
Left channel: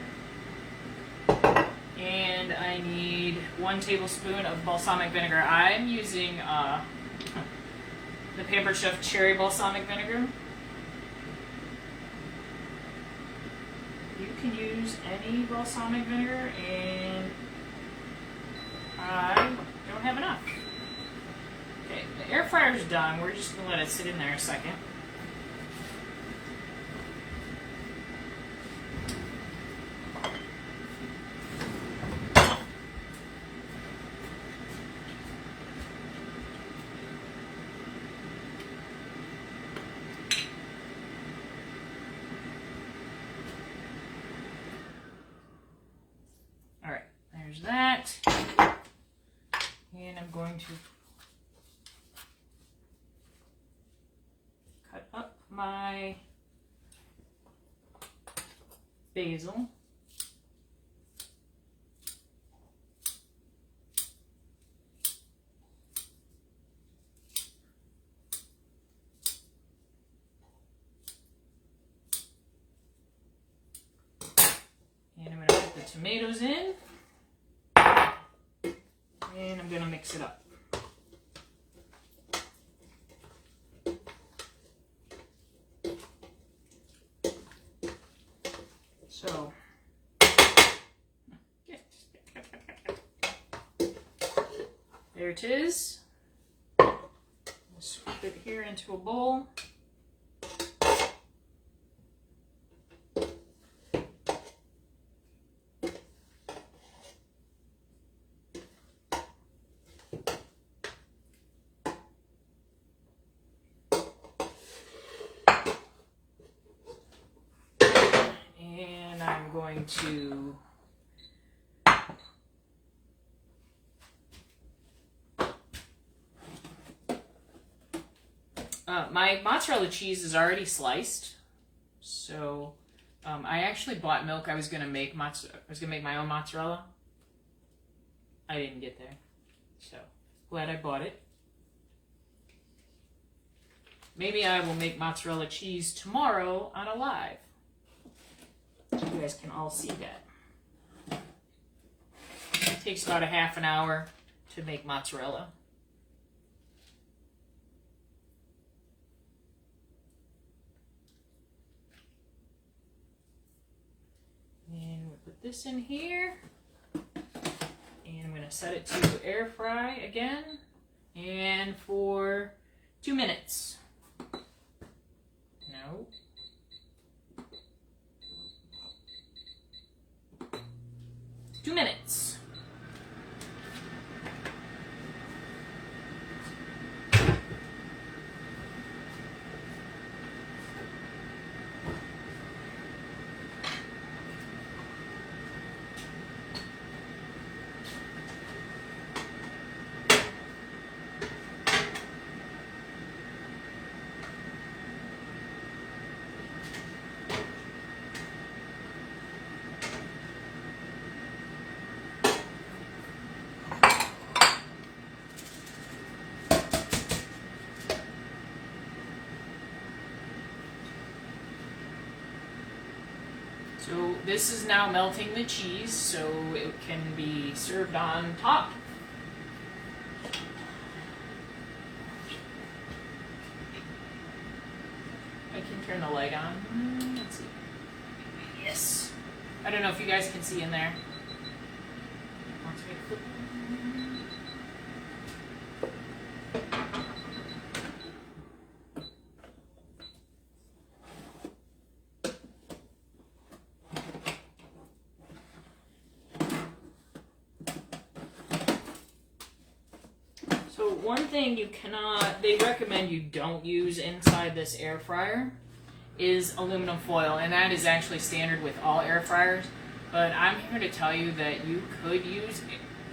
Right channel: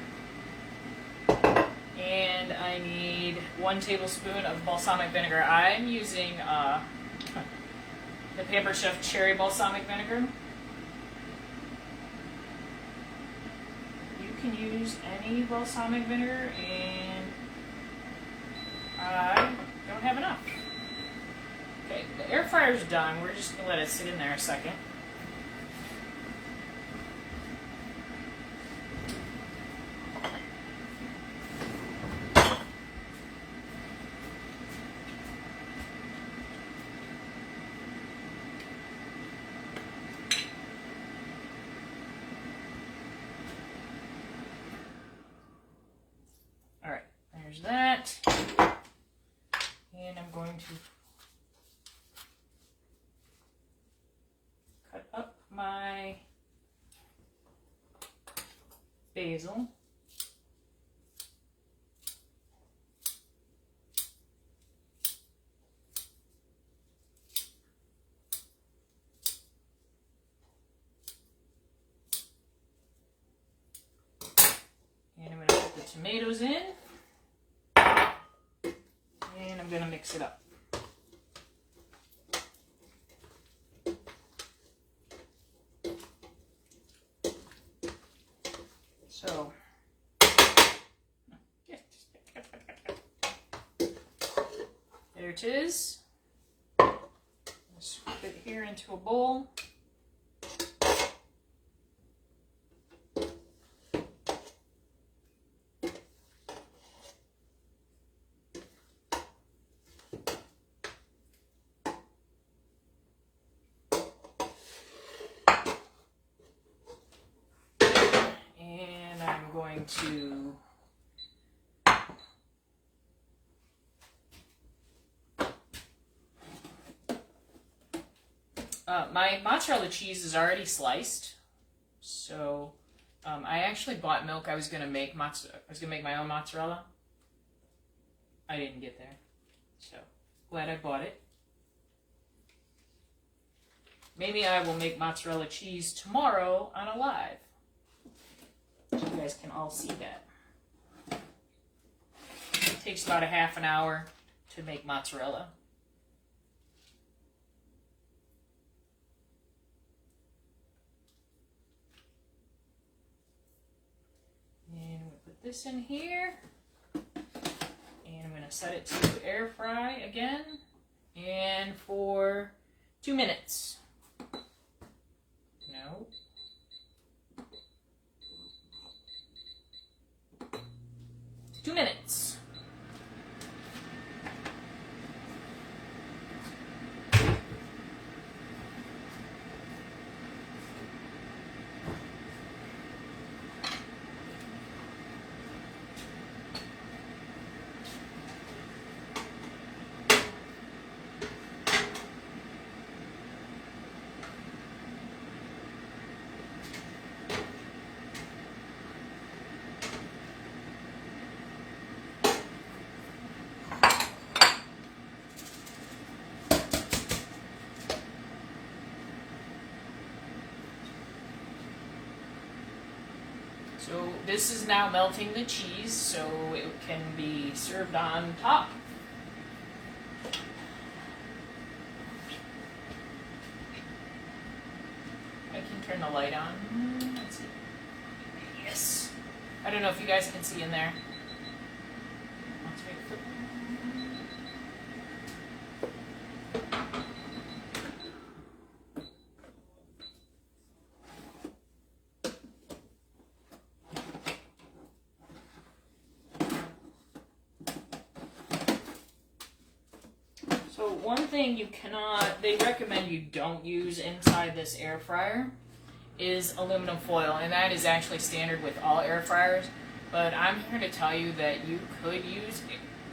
And I need 1 tablespoon of balsamic vinegar. I'm using the Pampered Chef cherry balsamic vinegar. You can use any balsamic vinegar, and I don't have enough. Okay, the air fryer's done. We're just going to let it sit in there a second. All right, there's that. And I'm going to cut up my basil. And I'm going to put the tomatoes in. And I'm going to mix it up. So, there it is. Let's put it here into a bowl. To my mozzarella cheese is already sliced, so I actually bought milk. I was gonna make my own mozzarella. I didn't get there, so glad I bought it. Maybe I will make mozzarella cheese tomorrow on a live. So you guys can all see that. It takes about a half an hour to make mozzarella. And we'll put this in here. And I'm going to set it to air fry again. And for 2 minutes. No. 2 minutes. So this is now melting the cheese, so it can be served on top. I can turn the light on. Let's see. Yes. I don't know if you guys can see in there. So one thing they recommend you don't use inside this air fryer is aluminum foil, and that is actually standard with all air fryers. But I'm here to tell you that you could use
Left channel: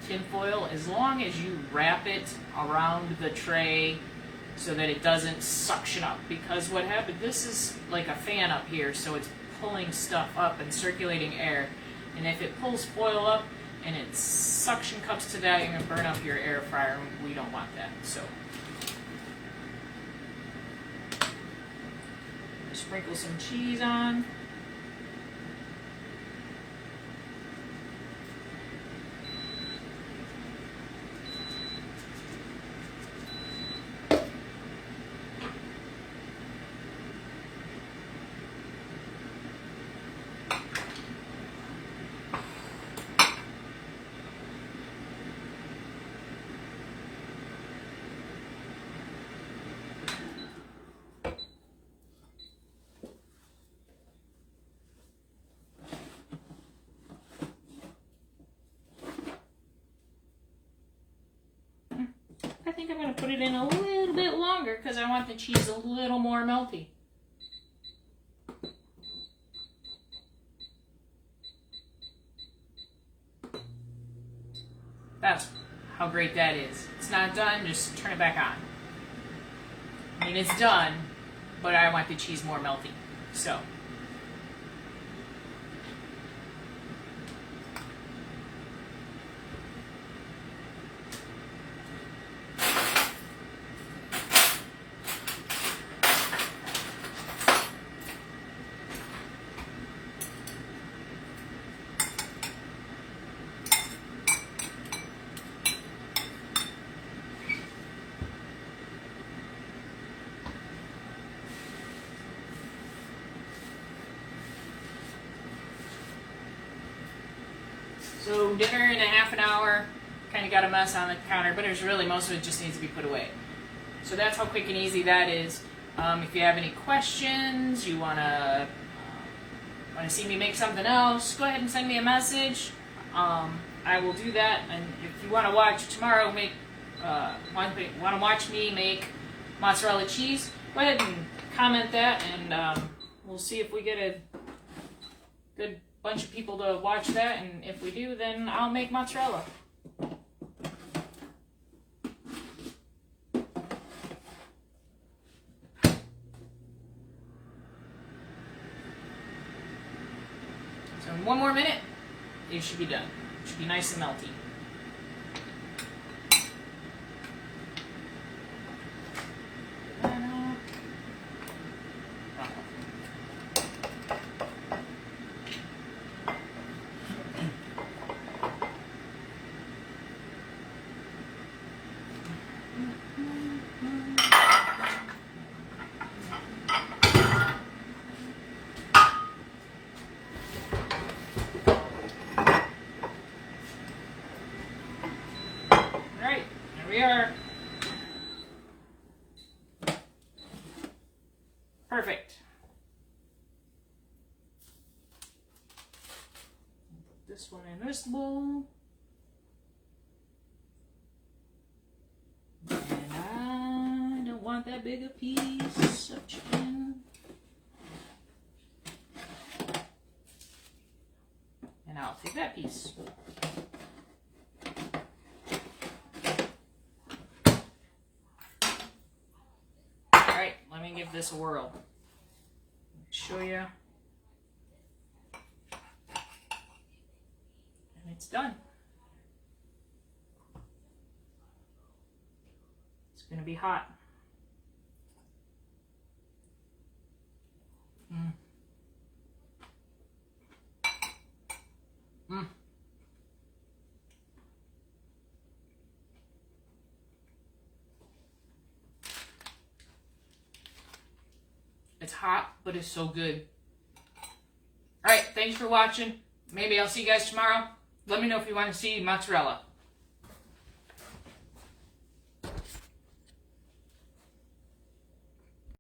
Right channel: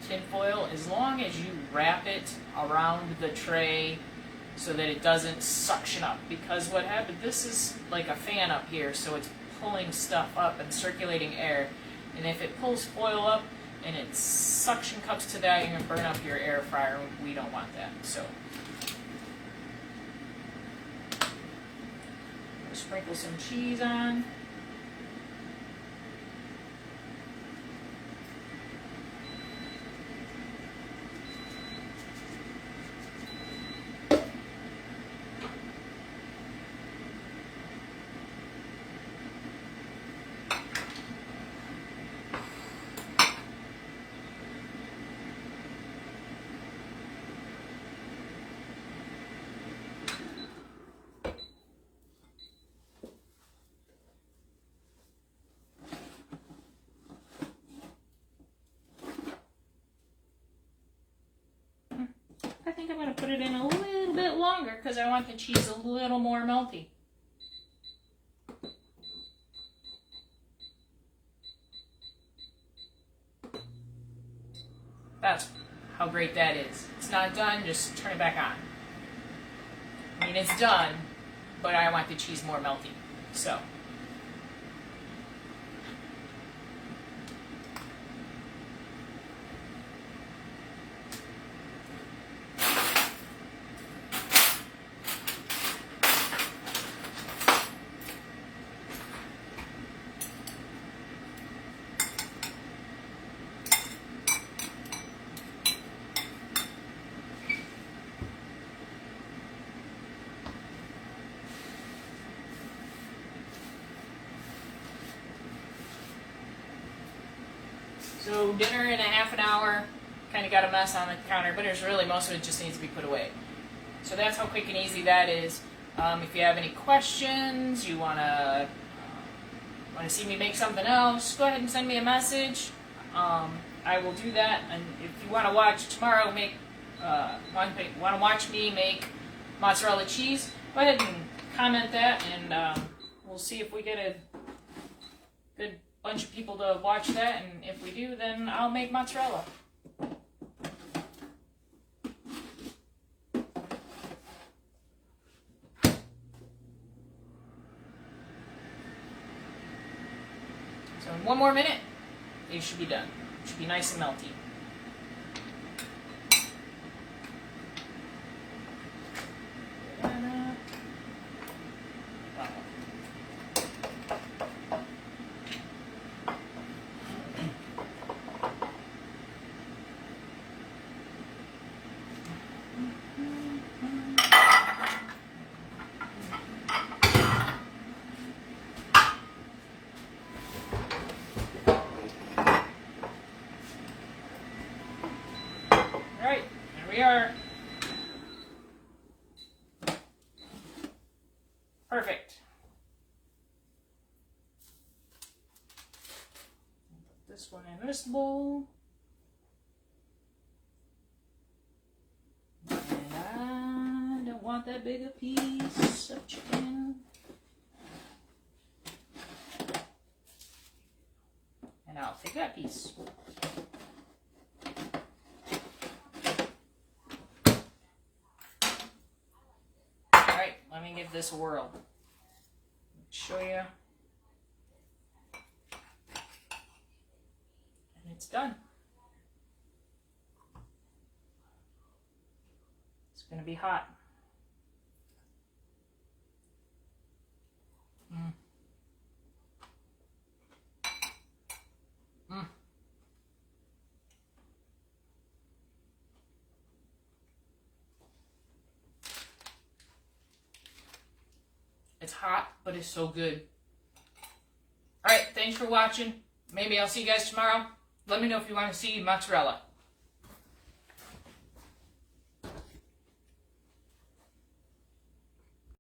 tin foil as long as you wrap it around the tray so that it doesn't suction up. Because what happened, this is like a fan up here, so it's pulling stuff up and circulating air. And if it pulls foil up and it suction cups to that, you're going to burn up your air fryer. We don't want that. So sprinkle some cheese on. I think I'm going to put it in a little bit longer because I want the cheese a little more melty. That's how great that is. It's not done, just turn it back on. I mean, it's done, but I want the cheese more melty. So. So dinner in a half an hour, kind of got a mess on the counter, but there's really most of it just needs to be put away. So that's how quick and easy that is. If you have any questions, you want to see me make something else, go ahead and send me a message. I will do that. And if you want to watch tomorrow, want to watch me make mozzarella cheese, go ahead and comment that, and we'll see if we get a good bunch of people to watch that, and if we do, then I'll make mozzarella. So in one more minute, it should be done. It should be nice and melty. Perfect. Put this one in this bowl. And I don't want that big a piece of chicken. And I'll take that piece. Alright, let me give this a whirl. Show you. And it's done. It's going to be hot. It's hot, but it's so good. All right, thanks for watching. Maybe I'll see you guys tomorrow. Let me know if you want to see mozzarella.